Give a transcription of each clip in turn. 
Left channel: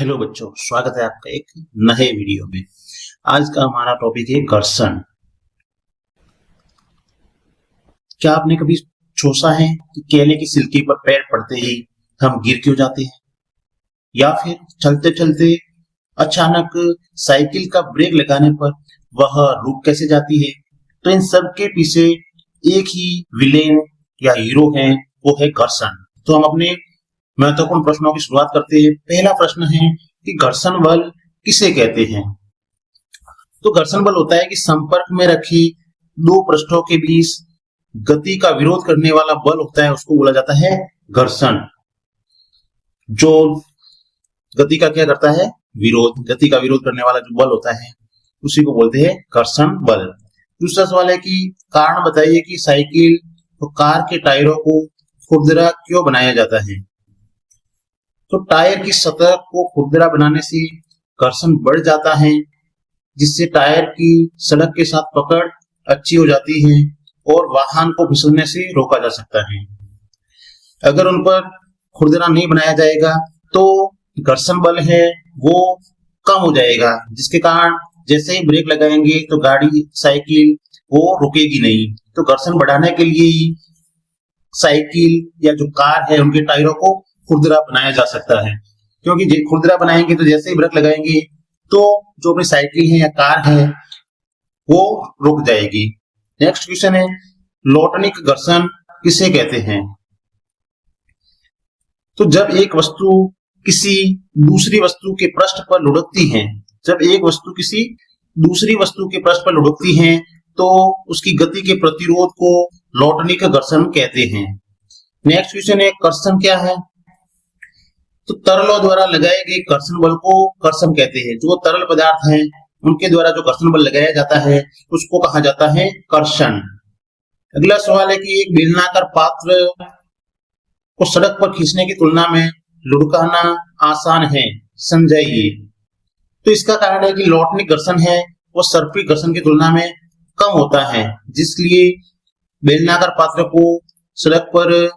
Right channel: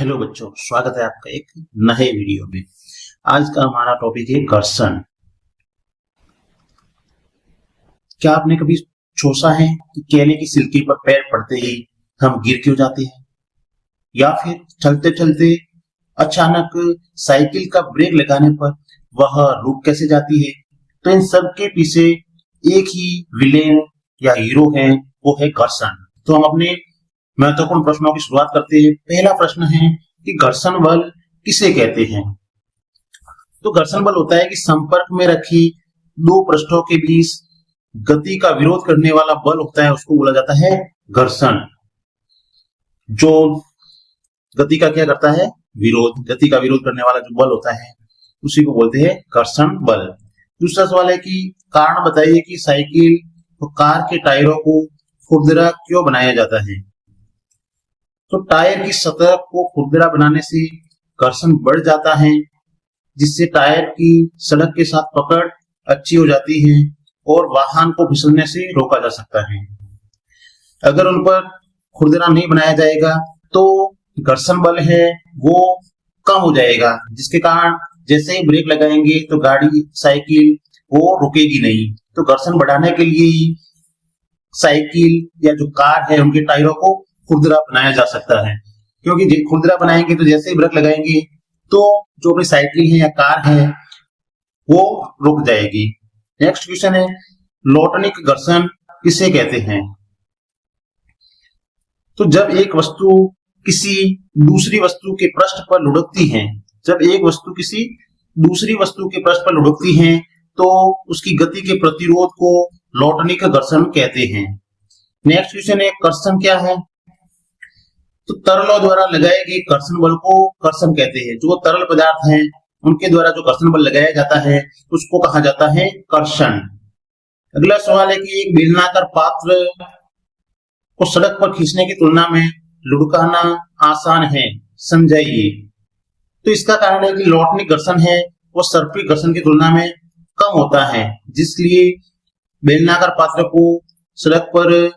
Hello बच्चों, स्वागत है आपका एक नए वीडियो में। आज का हमारा टॉपिक है घर्षण। क्या आपने कभी सोचा है कि केले की सिल्की पर पैर पड़ते ही हम गिर क्यों जाते हैं, या फिर चलते चलते अचानक साइकिल का ब्रेक लगाने पर वह रुक कैसे जाती है। तो इन सब के पीछे एक ही विलेन या हीरो है, वो है घर्षण। तो हम अपने महत्वपूर्ण प्रश्नों की शुरुआत करते हैं। पहला प्रश्न है कि घर्षण बल किसे कहते हैं। तो घर्षण बल होता है कि संपर्क में रखी दो पृष्ठों के बीच गति का विरोध करने वाला बल होता है, उसको बोला जाता है घर्षण। जो गति का क्या करता है, विरोध, गति का विरोध करने वाला जो बल होता है उसी को बोलते हैं घर्षण बल। दूसरा सवाल है कि कारण बताइए कि साइकिल और कार के टायरों को खुरदरा क्यों बनाया जाता है। तो टायर की सतह को खुरदरा बनाने से घर्षण बढ़ जाता है, जिससे टायर की सड़क के साथ पकड़ अच्छी हो जाती है और वाहन को फिसलने से रोका जा सकता है। अगर उन पर खुरदरा नहीं बनाया जाएगा तो घर्षण बल है वो कम हो जाएगा, जिसके कारण जैसे ही ब्रेक लगाएंगे तो गाड़ी, साइकिल वो रुकेगी नहीं। तो घर्षण बढ़ाने के लिए ही साइकिल या जो कार है उनके टायरों को खुरदरा बनाया जा सकता है, क्योंकि खुरदरा बनाएंगे तो जैसे ही ब्रेक लगाएंगे तो जो अपनी साइकिल है या कार है वो रुक जाएगी। नेक्स्ट क्वेश्चन है, लोटनिक घर्षण किसे कहते हैं। तो जब एक वस्तु किसी दूसरी वस्तु के पृष्ठ पर लुढ़कती है, जब एक वस्तु किसी दूसरी वस्तु के पृष्ठ पर लुढ़कती है तो उसकी गति के प्रतिरोध को लोटनिक घर्षण कहते हैं। नेक्स्ट क्वेश्चन है, कर्षण क्या है। तो तरलों द्वारा लगाए गए घर्षण बल को कर्षण कहते हैं। जो तरल पदार्थ है उनके द्वारा जो घर्षण बल लगाया जाता है उसको कहा जाता है कर्षण। अगला सवाल है कि एक बेलनाकार पात्र को सड़क पर खींचने की तुलना में लुढ़काना आसान है, समझाइए। तो इसका कारण है कि लोटनिक घर्षण है वो सर्पिल घर्षण की तुलना में कम होता है, जिसलिए बेलनाकार पात्र को सड़क पर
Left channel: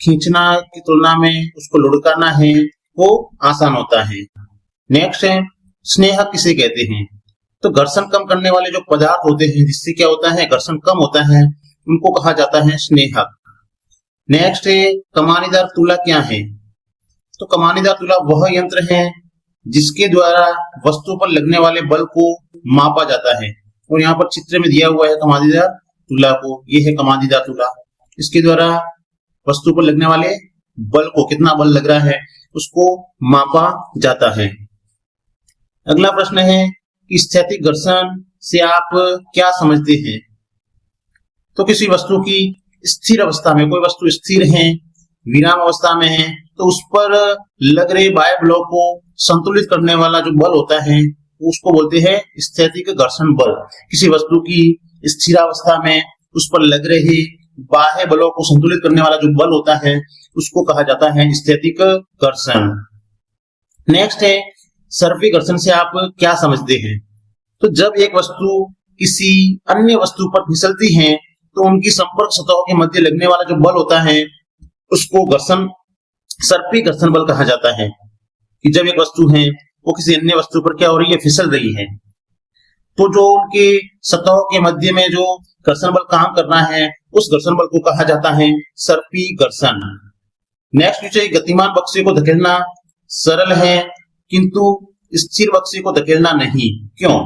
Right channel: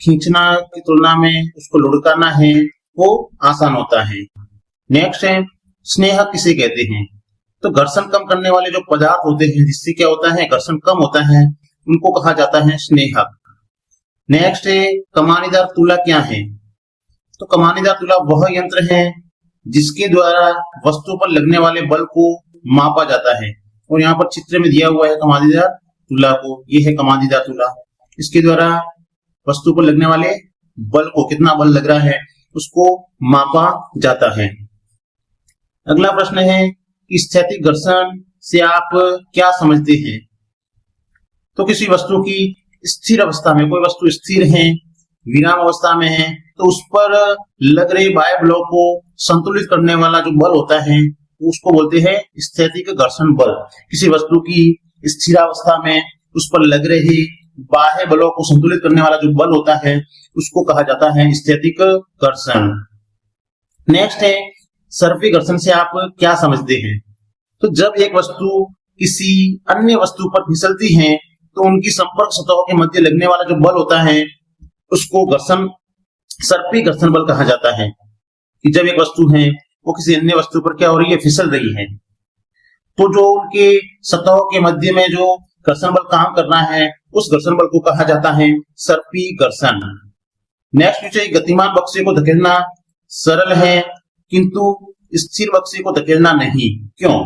खींचना की तुलना में उसको लुढ़काना है वो आसान होता है। नेक्स्ट है, स्नेहक किसे कहते हैं। तो घर्षण कम करने वाले जो पदार्थ होते हैं जिससे क्या होता है, घर्षण कम होता है, उनको कहा जाता है स्नेहक। नेक्स्ट है, कमानीदार तुला क्या है। तो कमानीदार तुला वह यंत्र है जिसके द्वारा वस्तु पर लगने वाले बल को मापा जाता है, और यहाँ पर चित्र में दिया हुआ है कमानीदार तुला को। ये है कमानीदार तुला, इसके द्वारा वस्तु पर लगने वाले बल को, कितना बल लग रहा है, उसको मापा जाता है। अगला प्रश्न है कि स्थैतिक घर्षण से आप क्या समझते हैं। तो किसी वस्तु की स्थिर अवस्था में, कोई वस्तु स्थिर है, विराम अवस्था में है, तो उस पर लग रहे बाह्य बलों को संतुलित करने वाला जो बल होता है उसको बोलते हैं स्थैतिक घर्षण बल। किसी वस्तु की स्थिरावस्था में उस पर लग रहे बाह्य बलों को संतुलित करने वाला जो बल होता है उसको कहा जाता है स्थैतिक घर्षण। नेक्स्ट है, सर्पिल घर्षण से आप क्या समझते हैं। तो जब एक वस्तु किसी अन्य वस्तु पर फिसलती है तो उनकी संपर्क सतहों के मध्य लगने वाला जो बल होता है उसको घर्षण, सर्पिल घर्षण बल कहा जाता है। कि जब एक वस्तु है वो किसी अन्य वस्तु पर क्या हो रही है, फिसल रही है, तो जो उनके सतहों के मध्य में जो घर्षण बल काम कर रहा है उस घर्षण बल को कहा जाता है सर्पिल घर्षण। नेक्स्ट विषय, गतिमान बक्से को धकेलना सरल है किंतु स्थिर बक्से को धकेलना नहीं, क्यों।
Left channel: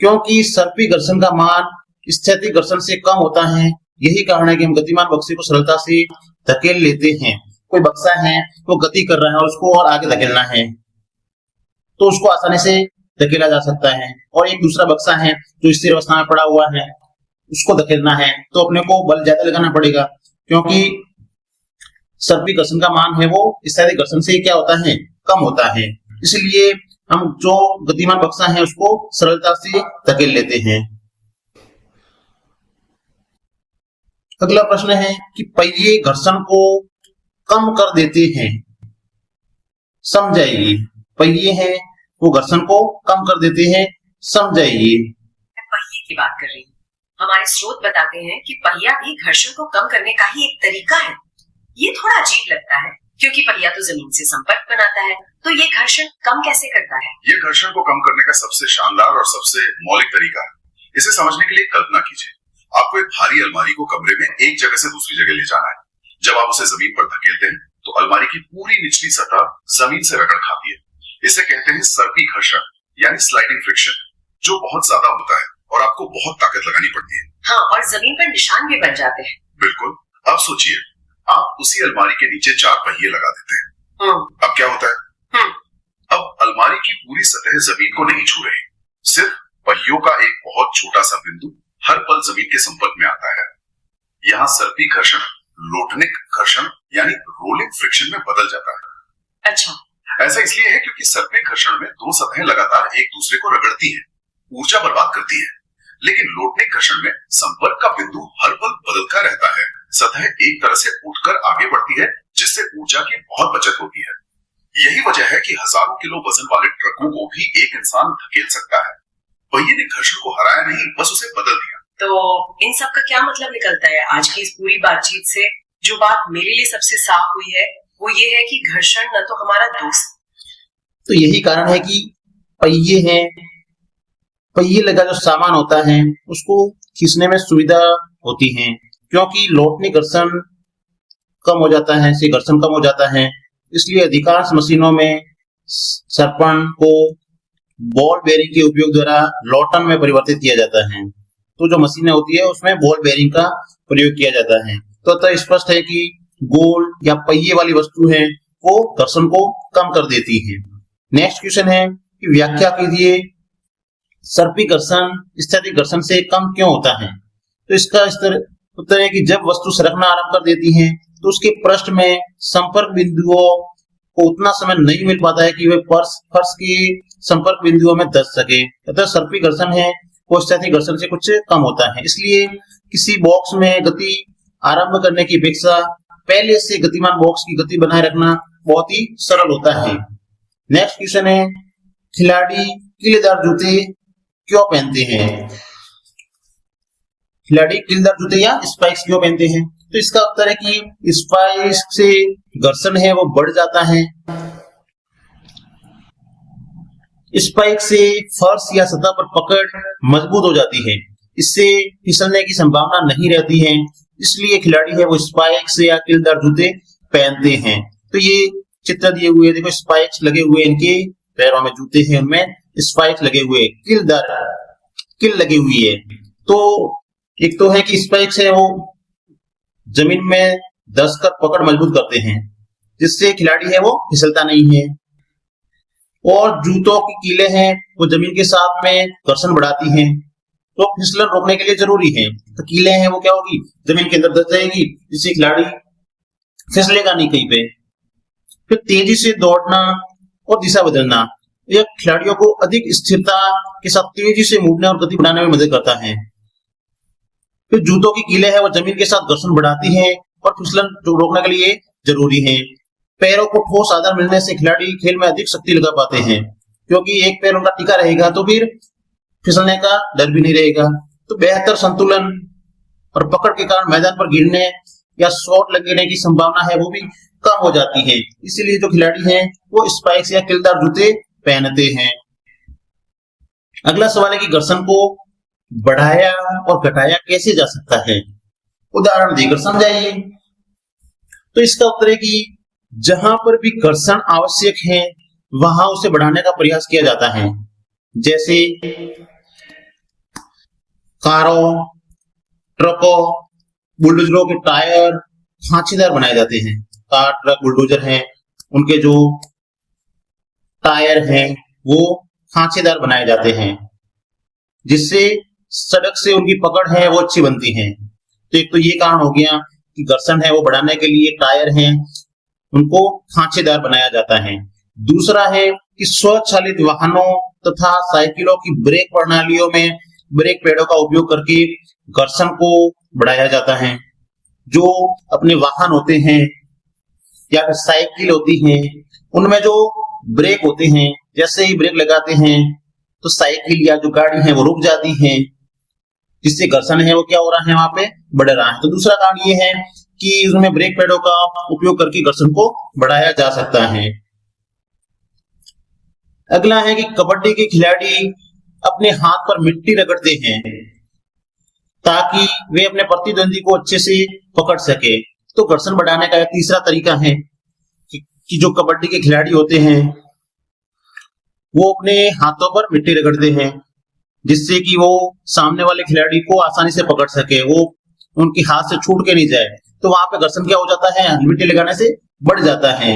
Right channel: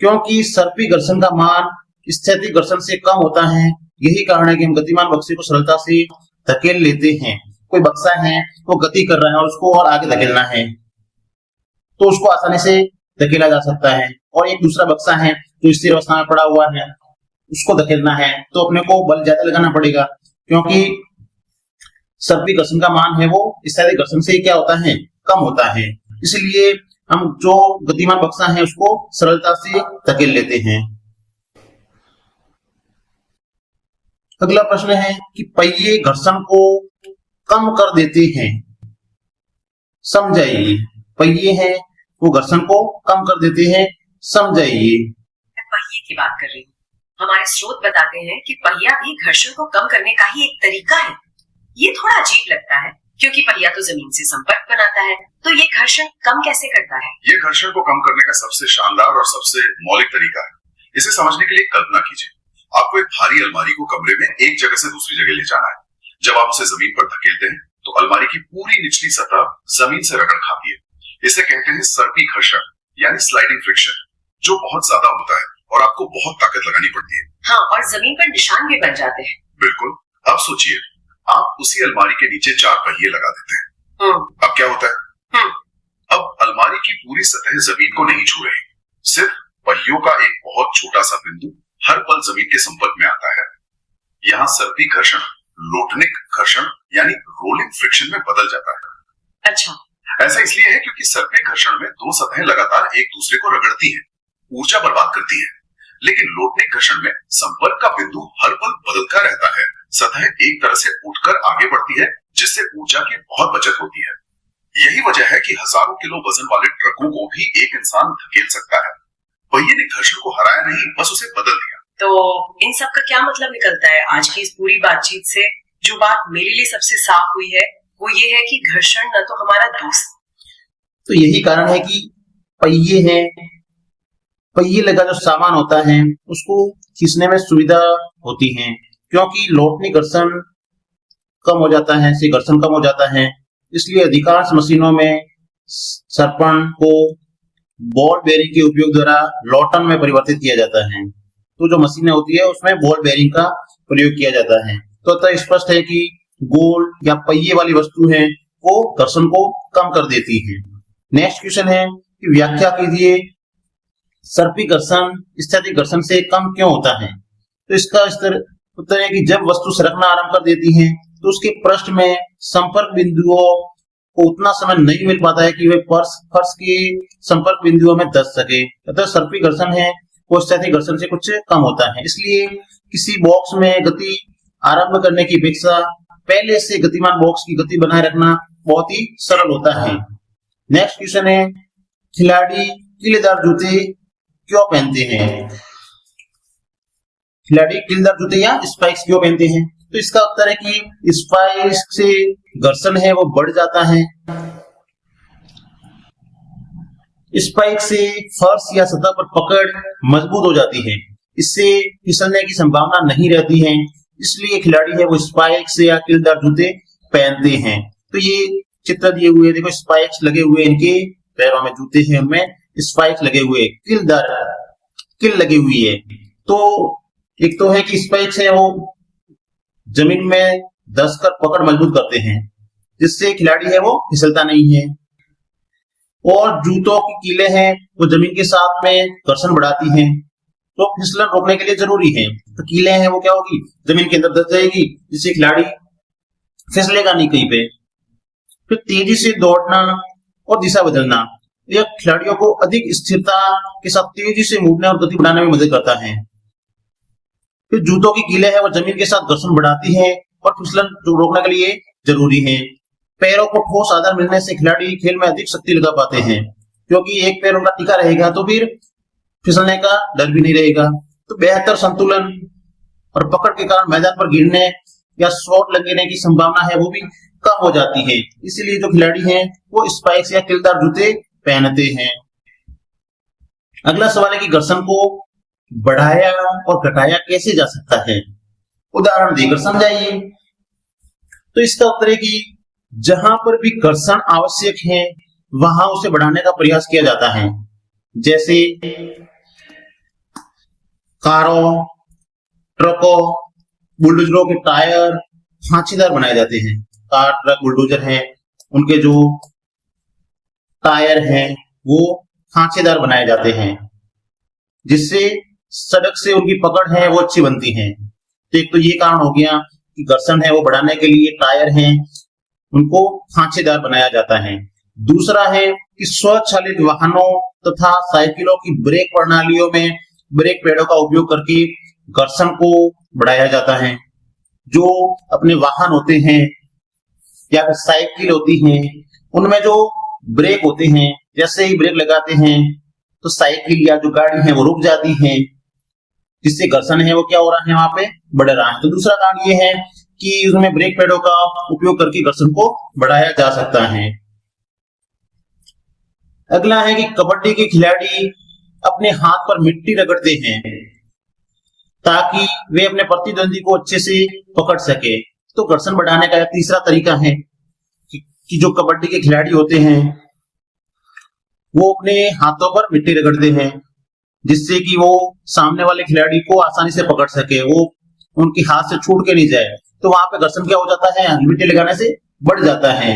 क्योंकि सर्पिल घर्षण का मान स्थैतिक घर्षण से कम होता है, यही कारण है कि हम गतिमान बक्से को सरलता से धकेल लेते हैं। कोई बक्सा है वो गति कर रहा है, उसको और आगे धकेलना है तो उसको आसानी से धकेला जा सकता है, और एक दूसरा बक्सा है जो स्थिर अवस्था में पड़ा हुआ है उसको धकेलना है तो अपने को बल ज्यादा लगाना पड़ेगा, क्योंकि सर्पिल घर्षण का मान है वो स्थैतिक घर्षण से क्या होता है, कम होता है। इसलिए हम जो गतिमान बक्सा है उसको सरलता से धकेल लेते हैं। अगला प्रश्न है कि पहिए घर्षण को कम कर देते हैं, समझाइए। पहिए हैं वो घर्षण को कम कर देते हैं, समझाइए। पहिए की बात कर रही हूँ। हमारे स्रोत बताते हैं कि पहिया भी घर्षण को कम करने का ही एक तरीका है। ये थोड़ा अजीब लगता है क्योंकि पहिया तो जमीन से संपर्क बनाता है, तो ये घर्षण कम कैसे करता है? ये घर्षण को कम करने का सबसे शानदार और सबसे मौलिक तरीका है। इसे समझने के लिए कल्पना कीजिए, आपको एक भारी अलमारी को कमरे में एक जगह से दूसरी जगह ले जाना है। जब आप उसे जमीन पर धकेलते हैं तो अलमारी की पूरी निचली सतह जमीन से रगड़ खाती है। इसे कहते हैं सर्पी घर्षण यानी स्लाइडिंग फ्रिक्शन, जो बहुत ज्यादा होता है और आपको बहुत ताकत लगानी पड़ती है। हाँ, और जमीन पर निशान भी बन जाते हैं। बिल्कुल। अब सोचिए, आप उसी अलमारी के नीचे 4 पहिए लगा देते हैं। अब क्या होता है? अब अलमारी की पूरी सतह जमीन को नहीं छू रही, सिर्फ पहियों का एक बहुत छोटा सा बिंदु हर पल जमीन के संपर्क में आता है। यहाँ सर्पी घर्षण लोटनिक घर्षण यानी रोलिंग फ्रिक्शन में बदल जाता है। अच्छा, ऐसा इसलिए है क्योंकि सर्पी घर्षण में 2 सतहें लगातार एक दूसरे को रगड़ती हैं, ऊर्जा बर्बाद करती हैं। लेकिन लोटनिक घर्षण में संपर्क का बिंदु हर पल बदलता रहता है। सतह एक तरह से उठकर आगे बढ़ती है, जिससे ऊर्जा की बहुत बचत होती है। यही वजह है कि हजारों किलो वजन वाले ट्रकों को भी एक इंसान धकेल सकता है। पहिए ने घर्षण को हराया नहीं, बस उसे बदल दिया। तो इन सब का क्या मतलब निकलता है आज की इस पूरी बातचीत से? जो बात मेरे लिए सबसे साफ हुई है वो ये है कि घर्षण न तो हमारा दोस्त। तो यही कारण है कि पहिए हैं, पहिए लगा जो सामान होता है उसको खींचने में सुविधा होती है, क्योंकि लोटनी घर्षण कम हो जाता है, से घर्षण कम हो जाता है। इसलिए अधिकांश मशीनों में सरपण को बॉल बेयरिंग के उपयोग द्वारा लोटन में परिवर्तित किया जाता है। तो जो मशीनें होती है उसमें बॉल बेयरिंग का प्रयोग किया जाता है। तो स्पष्ट है कि गोल या पहिए वाली वस्तु है वो घर्षण को कम कर देती है। नेक्स्ट क्वेश्चन है कि व्याख्या कीजिए, सर्पी घर्षण स्थैतिक घर्षण से कम क्यों होता है? तो इसका उत्तर है कि जब वस्तु सरकना आरंभ कर देती है तो उसके पृष्ठ में संपर्क बिंदुओं को उतना समय नहीं मिल पाता है कि वे फर्श के संपर्क बिंदुओं में दस सके। तो सर्पी घर्षण है वो स्थैतिक घर्षण से कुछ कम होता है। इसलिए किसी बॉक्स में गति आरंभ करने की अपेक्षा पहले से गतिमान बॉक्स की गति बनाए रखना बहुत ही सरल होता है। नेक्स्ट क्वेश्चन है, खिलाड़ी कीलेदार जूते क्यों पहनते हैं? खिलाड़ी कीलेदार जूते या स्पाइक्स क्यों पहनते हैं? तो इसका उत्तर है कि स्पाइक्स से घर्षण है वो बढ़ जाता है। स्पाइक से फर्श या सतह पर पकड़ मजबूत हो जाती है, इससे फिसलने की संभावना नहीं रहती है। इसलिए खिलाड़ी है वो स्पाइक्स या कीलदार जूते पहनते हैं। तो ये चित्र दिए हुए देखो, स्पाइक्स लगे हुए, इनके पैरों में जूते हैं उनमें स्पाइक्स लगे हुए, कील लगी हुई है। तो एक तो है कि स्पाइक्स है वो जमीन में धंसकर पकड़ मजबूत करते हैं, जिससे खिलाड़ी है वो फिसलता नहीं है। और जूतों की कीलें हैं वो जमीन के साथ में घर्षण बढ़ाती हैं, तो फिसलन रोकने के लिए जरूरी है। तो कीलें हैं वो क्या होगी, जमीन के अंदर धंस जाएगी, जिससे खिलाड़ी फिसलेगा नहीं कहीं पे। फिर तेजी से दौड़ना और दिशा बदलना, यह खिलाड़ियों को अधिक स्थिरता के साथ तेजी से मुड़ने और गति बढ़ाने में मदद करता है। फिर जूतों की कीलें हैं वो जमीन के साथ घर्षण बढ़ाती है और फिसलन रोकने के लिए जरूरी है। पैरों को ठोस आधार मिलने से खिलाड़ी खेल में अधिक शक्ति लगा पाते हैं, क्योंकि एक पैर उनका टिका रहेगा तो फिर फिसलने का डर भी नहीं रहेगा। तो बेहतर संतुलन और पकड़ के कारण मैदान पर गिरने या चोट लगने की संभावना है वो भी कम हो जाती है। इसीलिए जो खिलाड़ी हैं वो स्पाइक्स या कीलदार जूते पहनते हैं। अगला सवाल है कि घर्षण को बढ़ाया और घटाया कैसे जा सकता है? उदाहरण देकर समझाइए। तो इसका उत्तर है कि जहां पर भी घर्षण आवश्यक है वहां उसे बढ़ाने का प्रयास किया जाता है। जैसे कारों, ट्रकों, बुलडोजरों के टायर खांचेदार बनाए जाते हैं। कार, ट्रक, बुलडोजर है, उनके जो टायर है वो खांचेदार बनाए जाते हैं, जिससे सड़क से उनकी पकड़ है वो अच्छी बनती है। तो एक तो ये कारण हो गया कि घर्षण है वो बढ़ाने के लिए टायर हैं उनको खांचेदार बनाया जाता है। दूसरा है कि स्वचालित वाहनों तथा साइकिलों की ब्रेक प्रणालियों में ब्रेक पैडों का उपयोग करके घर्षण को बढ़ाया जाता है। जो अपने वाहन होते हैं या फिर साइकिल होती है उनमें जो ब्रेक होते हैं, जैसे ही ब्रेक लगाते हैं तो साइकिल या जो गाड़ी है वो रुक जाती है, जिससे घर्षण है वो क्या हो रहा है वहां पे बढ़ रहा है। तो दूसरा कारण ये है कि उसमें ब्रेक पैडों का उपयोग करके घर्षण को बढ़ाया जा सकता है। अगला है कि कबड्डी के खिलाड़ी अपने हाथ पर मिट्टी रगड़ते हैं ताकि वे अपने प्रतिद्वंदी को अच्छे से पकड़ सके। तो घर्षण बढ़ाने का तीसरा तरीका है कि जो कबड्डी के खिलाड़ी होते हैं वो अपने हाथों पर मिट्टी रगड़ते हैं जिससे कि वो सामने वाले खिलाड़ी को आसानी से पकड़ सके, वो उनके हाथ से छूट के नहीं जाए। तो वहां पे घर्षण क्या हो जाता है, मिट्टी लगाने से बढ़ जाता है,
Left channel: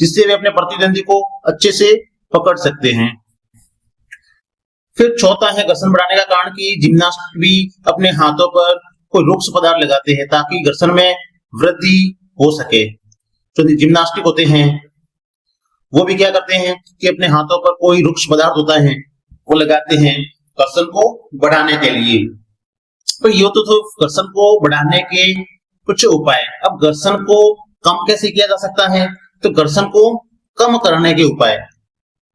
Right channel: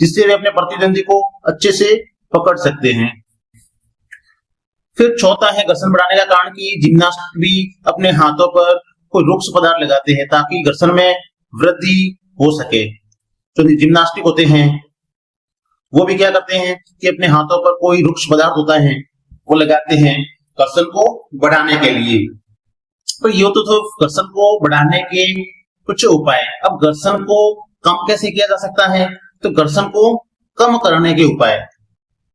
जिससे वे अपने प्रतिद्वंदी को अच्छे से पकड़ सकते हैं। फिर चौथा है घर्षण बढ़ाने का कारण कि जिम्नास्ट भी अपने हाथों पर कोई रुक्ष पदार्थ लगाते हैं ताकि घर्षण में वृद्धि हो सके। जो जिम्नास्टिक होते हैं वो भी क्या करते हैं कि अपने हाथों पर कोई रुक्ष पदार्थ होता है वो लगाते हैं घर्षण को बढ़ाने के लिए। तो ये तो घर्षण को बढ़ाने के कुछ उपाय। अब घर्षण को कम कैसे किया जा सकता है, तो घर्षण को कम करने के उपाय।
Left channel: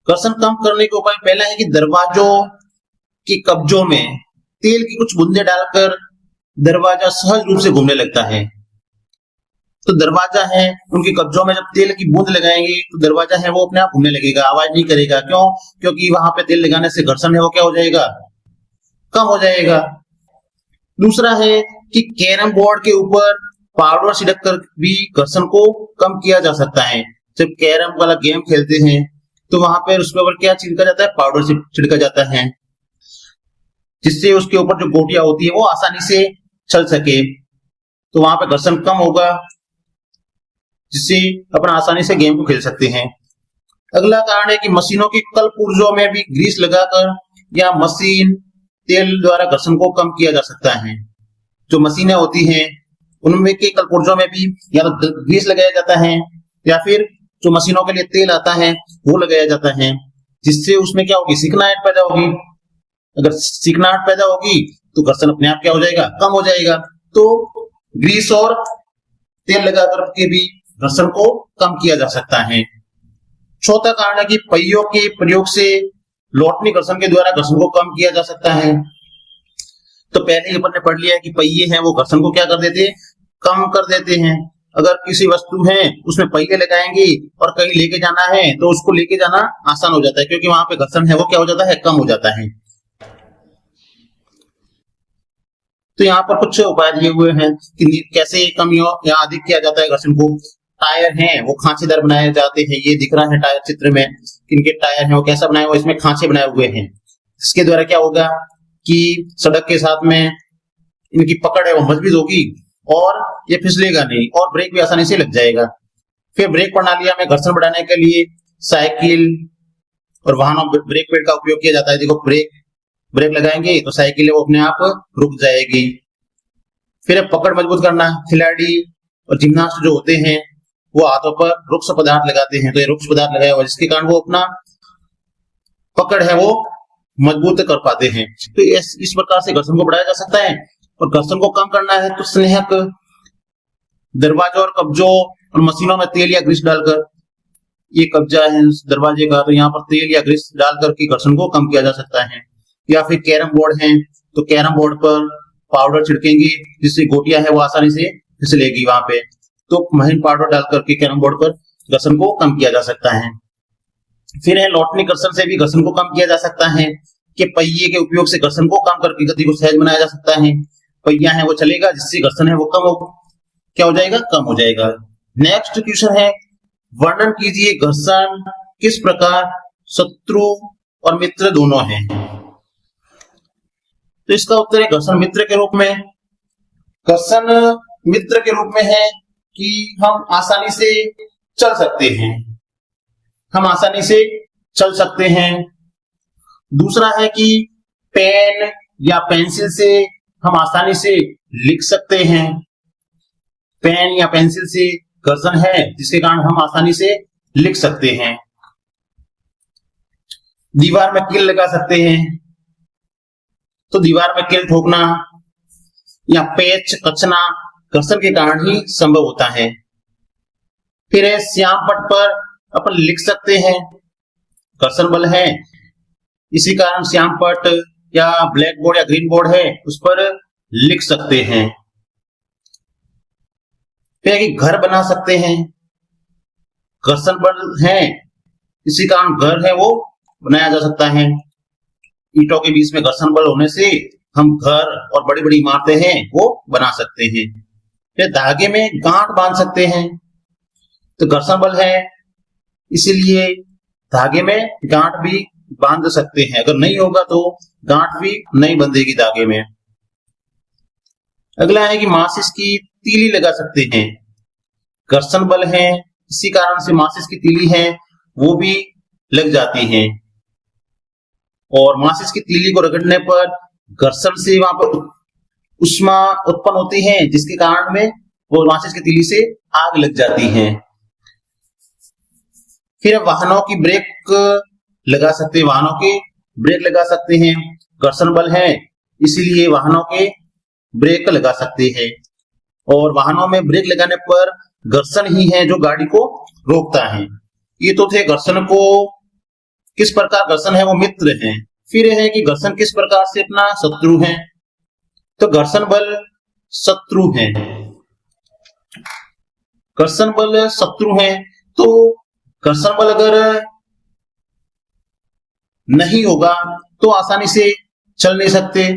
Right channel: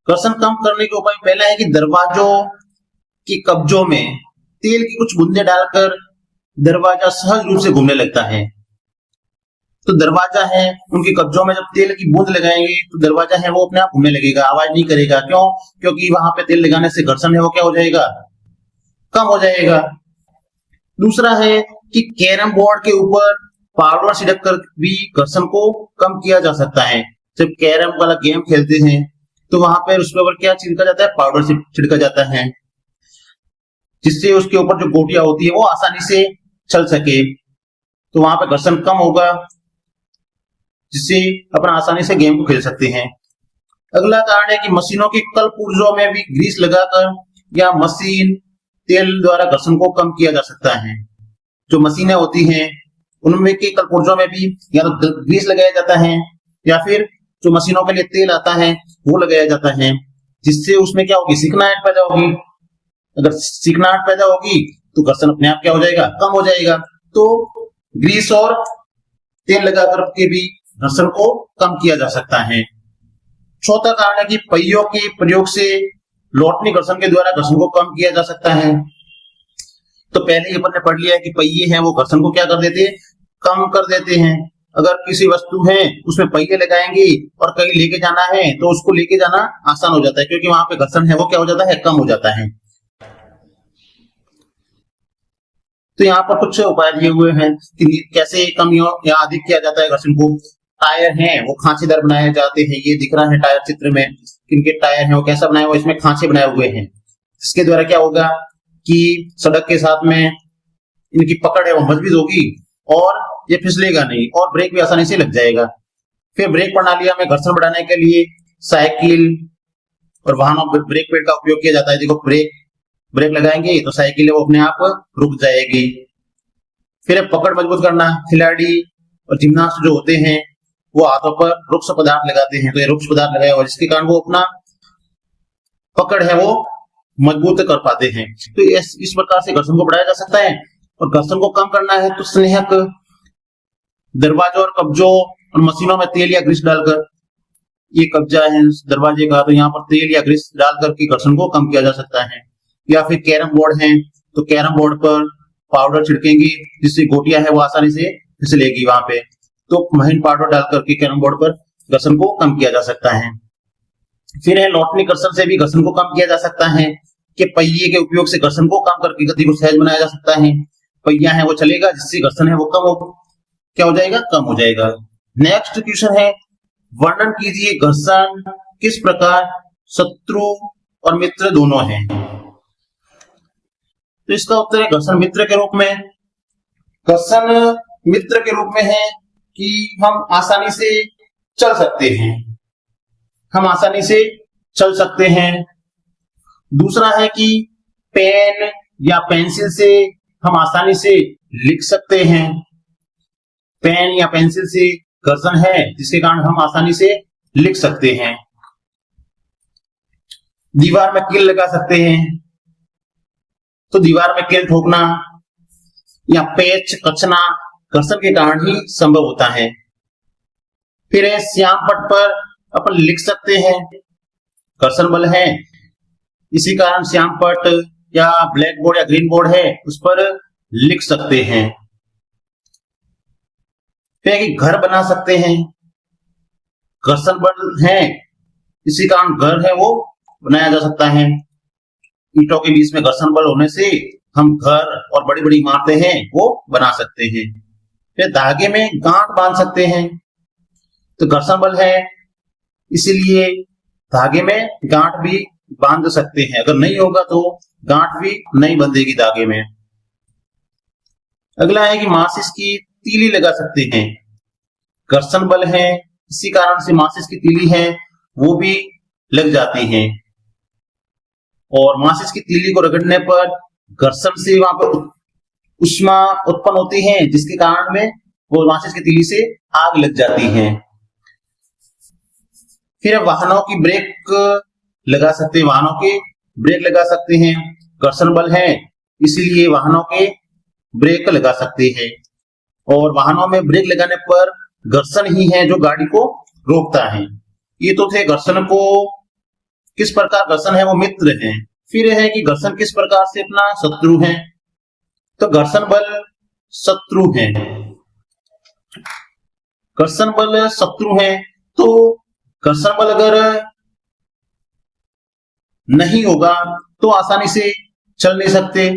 घर्षण कम करने के उपाय पहला है कि दरवाजों के कब्जों में तेल की कुछ बूंदें डालकर दरवाजा सहज रूप से घूमने लगता है। तो दरवाजा है उनके कब्जों में जब तेल की बूंद लगाएंगे तो दरवाजा है वो अपने आप घूमने लगेगा, आवाज नहीं करेगा। क्यों? क्योंकि वहां पे तेल लगाने से घर्षण है वो क्या हो जाएगा, कम हो जाएगा। दूसरा है कि कैरम बोर्ड के ऊपर पाउडर छिड़क कर भी घर्षण को कम किया जा सकता है। जब कैरम वाला गेम खेलते हैं तो वहां पर उसके ऊपर क्या छिड़का जाता है, पाउडर छिड़का जाता है, जिससे उसके ऊपर जो गोटियां होती है वो आसानी से चल सके। तो वहां पे घर्षण कम होगा, जिससे अपन आसानी से गेम को खेल सकते हैं। अगला कारण है कि मशीनों के कल पुर्जों में भी ग्रीस लगाकर या मशीन तेल द्वारा घर्षण को कम किया जा सकता है। जो मशीनें होती हैं उनमें की कल पुर्जों में भी या तो ग्रीस लगाया जाता है या फिर जो मशीनों के लिए तेल आता है वो लगाया जाता है, जिससे उसमें क्या होगी, चिकनाहट पैदा होगी। अगर चिकनाहट पैदा होगी तो घर्षण अपने आप क्या हो जाएगा, कम हो जाएगा। तो ग्रीस और तेल लगा करके भी घर्षण को कम किया जा सकता है। चौथा कारण है कि पहियों के प्रयोग से लौटनी घर्षण के द्वारा घर्षण को कम किया जा सकता है। तो पहले ही अपन ने पढ़ लिया है कि पहिए हैं वो घर्षण को क्या कर देते हैं, कम कर देते हैं। अगर किसी वस्तु है उसमें पहिए लगाएंगे और कहीं लेके जाना है तो उसको लेके जाना आसान हो जाता है, क्योंकि वहां पे घर्षण है वो क्या हो जाता है, कम हो जाता है। तो यहाँ पर कुछ उपाय दिए हुए हैं कि कैसे कम या अधिक किया जाता है घर्षण को। टायर हैं वो खांचेदार बनाए जाते हैं, ये दिख रहा है टायर चित्र में, इनके टायर हैं वो कैसा बनाए हुए, इसमें खांचे बनाए हुए हैं। इसके द्वारा क्या होगा कि सड़क के साथ में इनकी पकड़ है वो मजबूत होगी और ये फिसलेगा नहीं और ब्रेक भी आसानी से लग जाएगा। फिर ब्रेक प्रणालियां में घर्षण बढ़ाने के लिए साइकिल और वाहनों में ब्रेक पैड का उपयोग किया जाता है। देखो ब्रेक लगाएंगे तो साइकिल वो अपने आप रुक जाएगी। फिर पकड़ मजबूत करना, खिलाड़ी और जिम्नास्ट जो होते हैं वो हाथों पर रुक्ष पदार्थ लगाते हैं, तो ये रुक्ष पदार्थ लगाया हुआ जिसके कारण वो अपना पकड़ है वो मजबूत कर पाते हैं। तो इस प्रकार से घर्षण को बढ़ाया जा सकता है। और घर्षण को कम करना है तो स्नेहक दरवाजों और कब्जों और मशीनों में तेल या ग्रीस डालकर, ये कब्जा है दरवाजे का तो यहाँ पर तेल या ग्रीस डालकर के घर्षण को कम किया जा सकता है। या फिर कैरम बोर्ड है तो कैरम बोर्ड पर पाउडर छिड़केंगे जिससे गोटियां हैं वो आसानी से फिसलेगी वहां पे, तो महीन पाउडर डालकर के कैरम बोर्ड पर घर्षण को कम किया जा सकता है। फिर है लौटने घर्षण से भी घर्षण को कम किया जा सकता है कि पहिए के उपयोग से घर्षण को कम करके गति को सहज बनाया जा सकता है। पहिया है वो चलेगा जिससे घर्षण है वो क्या हो जाएगा, कम हो जाएगा। नेक्स्ट क्वेश्चन है वर्णन कीजिए घर्षण किस प्रकार शत्रु और मित्र दोनों है। तो इसका उत्तर है घर्षण मित्र के रूप में। घर्षण मित्र के रूप में है कि हम आसानी से चल सकते हैं, हम आसानी से चल सकते हैं। दूसरा है कि पेन या पेंसिल से हम आसानी से लिख सकते हैं। पेन या पेंसिल से घर्षण है जिसके कारण हम आसानी से लिख सकते हैं। दीवार में कील लगा सकते हैं तो दीवार में कील ठोकना या पेच कचना घर्षण के कारण ही संभव होता है। फिर है श्याम पट पर अपन लिख सकते हैं, घर्षण बल है, इसी कारण श्याम पट या ब्लैक बोर्ड या ग्रीन बोर्ड है उस पर लिख सकते हैं। फिर है कि घर बना सकते हैं, घर्षण बल है इसी कारण घर है वो बनाया जा सकता है। ईंटों के बीच में घर्षण बल होने से हम घर और बड़ी बड़ी इमारतें हैं वो बना सकते हैं। फिर धागे में गांठ बांध सकते हैं, तो घर्षण बल है इसीलिए धागे में गांठ भी बांध सकते हैं। अगर नहीं होगा तो गांठ भी नहीं बंधेगी धागे में। अगला है कि माचिस की तीली लगा सकते हैं, घर्षण बल है इसी कारण से माचिस की तीली है वो भी लग जाते हैं। और माचिस की तीली को रगड़ने पर घर्षण से वहां पर उष्मा उत्पन्न होती है जिसके कारण में वो माचिस की तीली से आग लग जाती है। फिर वाहनों की ब्रेक लगा सकते हैं, वाहनों के ब्रेक लगा सकते हैं, घर्षण बल है इसीलिए वाहनों के ब्रेक लगा सकते हैं। और वाहनों में ब्रेक लगाने पर घर्षण ही है जो गाड़ी को रोकता है। ये तो थे घर्षण को किस प्रकार घर्षण है वो मित्र है। फिर है कि घर्षण किस प्रकार से अपना शत्रु है, तो घर्षण बल शत्रु है। घर्षण बल शत्रु है तो घर्षण बल अगर नहीं होगा तो आसानी से चल नहीं सकते।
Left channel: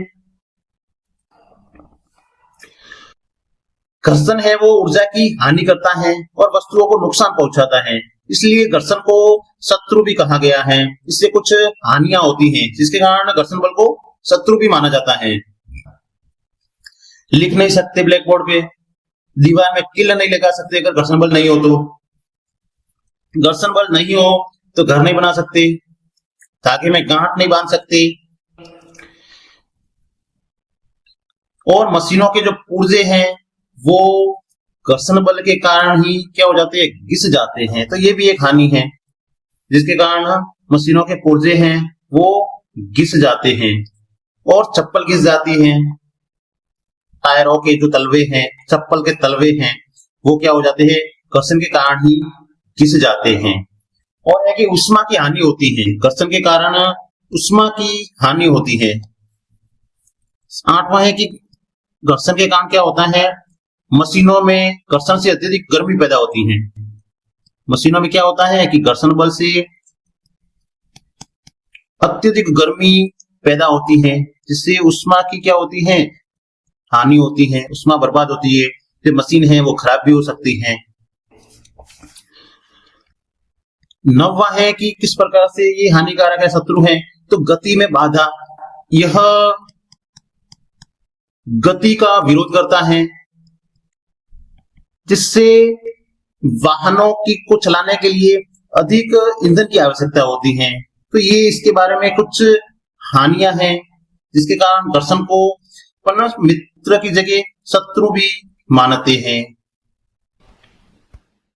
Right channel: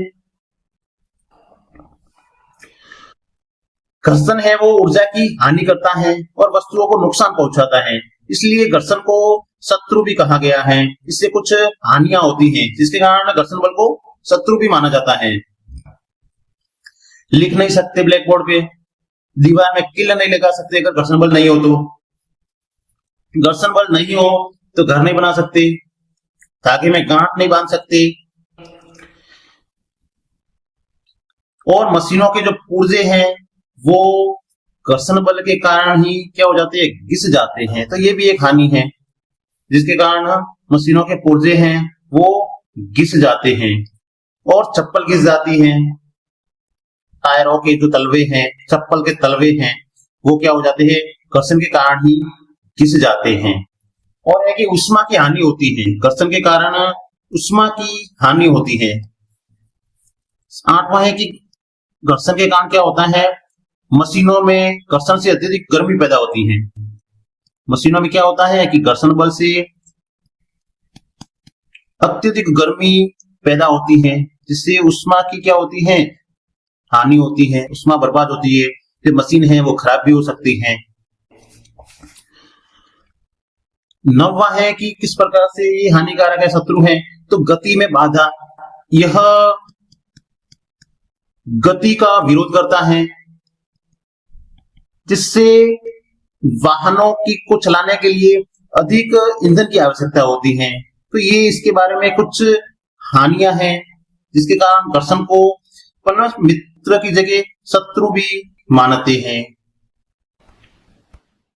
घर्षण है वो ऊर्जा की हानि करता है और वस्तुओं को नुकसान पहुंचाता है, इसलिए घर्षण को शत्रु भी कहा गया है। इससे कुछ हानियां होती हैं जिसके कारण घर्षण बल को शत्रु भी माना जाता है। लिख नहीं सकते ब्लैक बोर्ड पे, दीवार में किल नहीं लगा सकते अगर घर्षण बल नहीं हो तो, घर्षण बल नहीं हो तो घर नहीं बना सकते, धागे में गांठ नहीं बांध सकते। और मशीनों के जो पुर्जे हैं वो घर्षण बल के कारण ही क्या हो जाते हैं, घिस जाते हैं। तो ये भी एक हानि है जिसके कारण मशीनों के पुर्जे हैं वो घिस जाते हैं। और चप्पल घिस जाती है, टायरों के जो तलवे हैं, चप्पल के तलवे हैं वो क्या हो जाते हैं, घर्षण के कारण ही घिस जाते हैं। और है कि उष्मा की हानि होती है, घर्षण के कारण उष्मा की हानि होती है। आठवां है कि घर्षण के कारण क्या होता है, मशीनों में घर्षण से अत्यधिक गर्मी पैदा होती है। मशीनों में क्या होता है कि घर्षण बल से अत्यधिक गर्मी पैदा होती है जिससे उष्मा की क्या होती है, हानि होती है, उष्मा बर्बाद होती है। फिर मशीन है वो खराब भी हो सकती है। नौवां है कि किस प्रकार से ये हानिकारक है, शत्रु है, तो गति में बाधा। यह गति का विरोध करता है जिससे वाहनों को चलाने के लिए अधिक ईंधन की आवश्यकता होती है। तो ये इसके बारे में कुछ हानियां हैं जिसके कारण घर्षण को परस्पर मित्र की जगह शत्रु भी मानते हैं।